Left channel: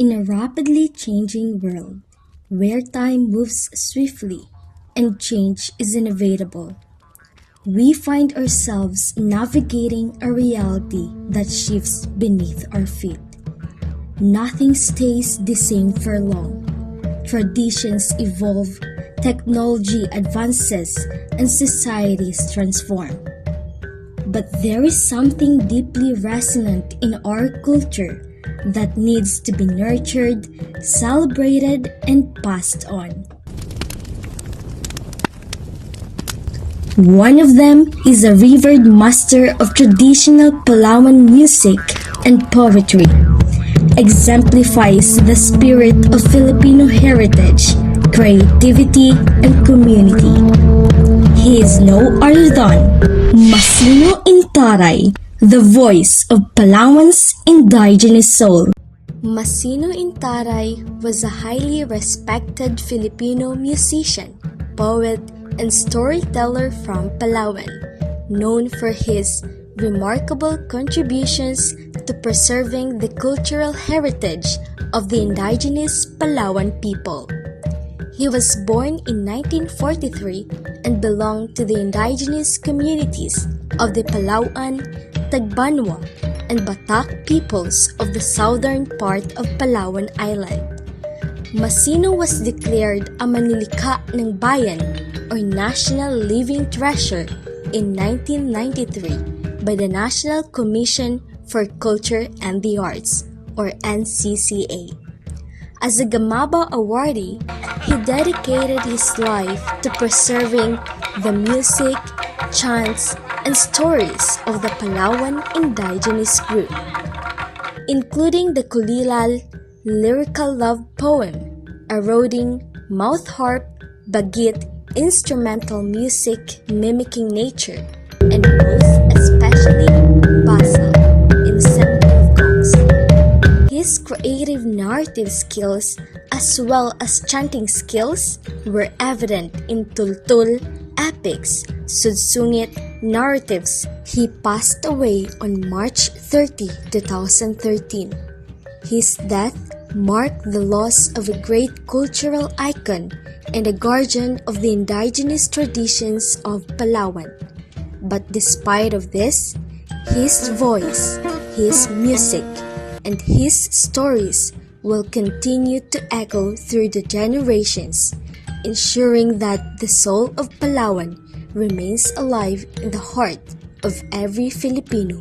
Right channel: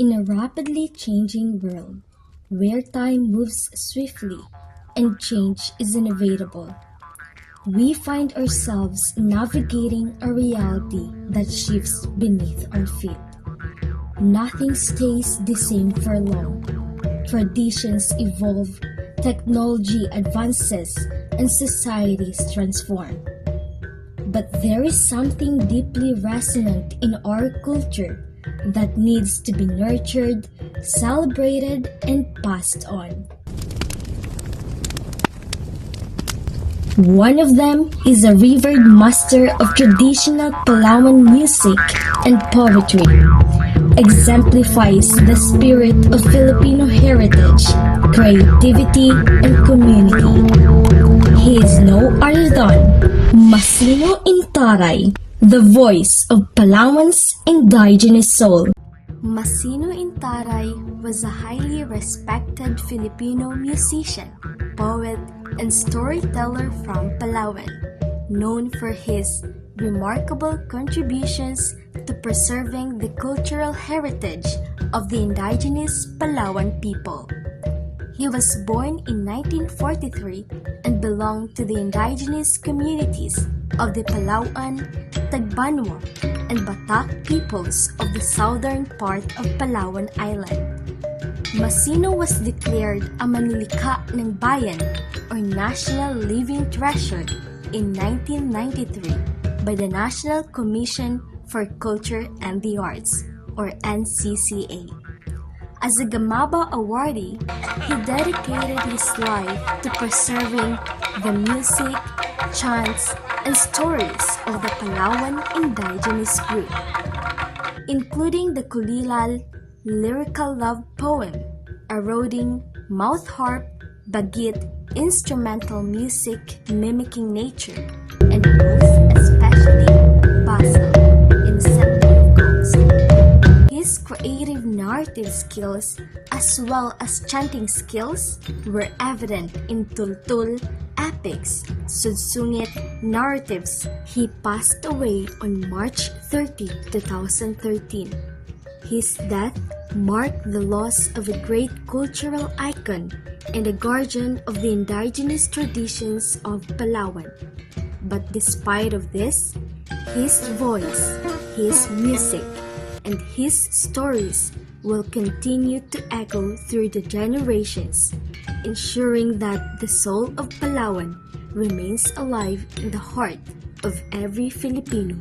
In a rapidly changing world, where time moves swiftly and change is inevitable, we find ourselves navigating a reality that shifts beneath our feet. Nothing stays the same for long. Traditions evolve, technology advances, and societies transform. But there is something deeply resonant in our culture that needs to be nurtured, celebrated, and passed on. One of them is a revered master of traditional Palawan music and poetry, exemplifies the spirit of Filipino heritage, creativity, and community. He is no other than Masino Intaray, the voice of Palawan's indigenous soul. Masino Intaray was a highly respected Filipino musician, poet, and storyteller from Palawan, known for his remarkable contributions to preserving the cultural heritage of the indigenous Palawan people. He was born in 1943 and belonged to the indigenous communities of the Palawan, Tagbanwa, and Batak peoples of the southern part of Palawan Island. Masino was declared a Manlilikha ng Bayan or National Living Treasure in 1993 by the National Commission for Culture and the Arts or NCCA. As a Gamaba awardee, he dedicated his life to preserving the music, chants, and stories of the Palawan indigenous group, including the Kulilal lyrical love poem, eroding, mouth harp, bagit, instrumental music mimicking nature, and most especially basal, ensemble of gongs. His creative narrative skills as well as chanting skills were evident in tultul, epics, sudsungit, narratives. He passed away on March 30, 2013. His death marked the loss of a great cultural icon and a guardian of the indigenous traditions of Palawan. But despite of this, his voice, his music, and his stories will continue to echo through the generations, ensuring that the soul of Palawan remains alive in the heart of every Filipino.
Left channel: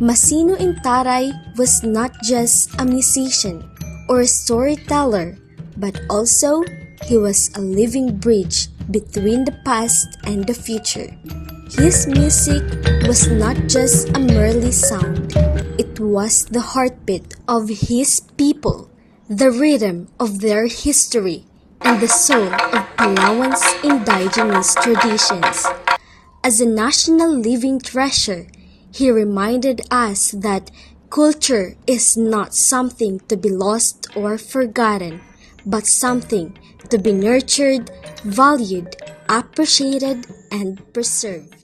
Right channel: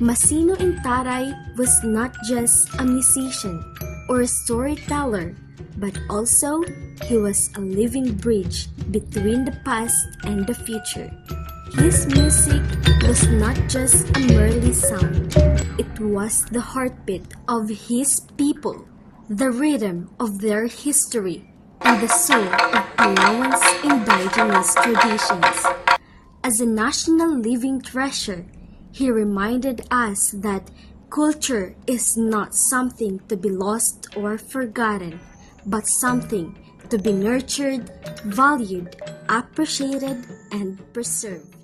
Masino Intaray was not just a musician or a storyteller, but also he was a living bridge between the past and the future. His music was not just a merely sound, it was the heartbeat of his people, the rhythm of their history, and the soul of Palawan's indigenous traditions. As a national living treasure, he reminded us that culture is not something to be lost or forgotten, but something to be nurtured, valued, appreciated, and preserved.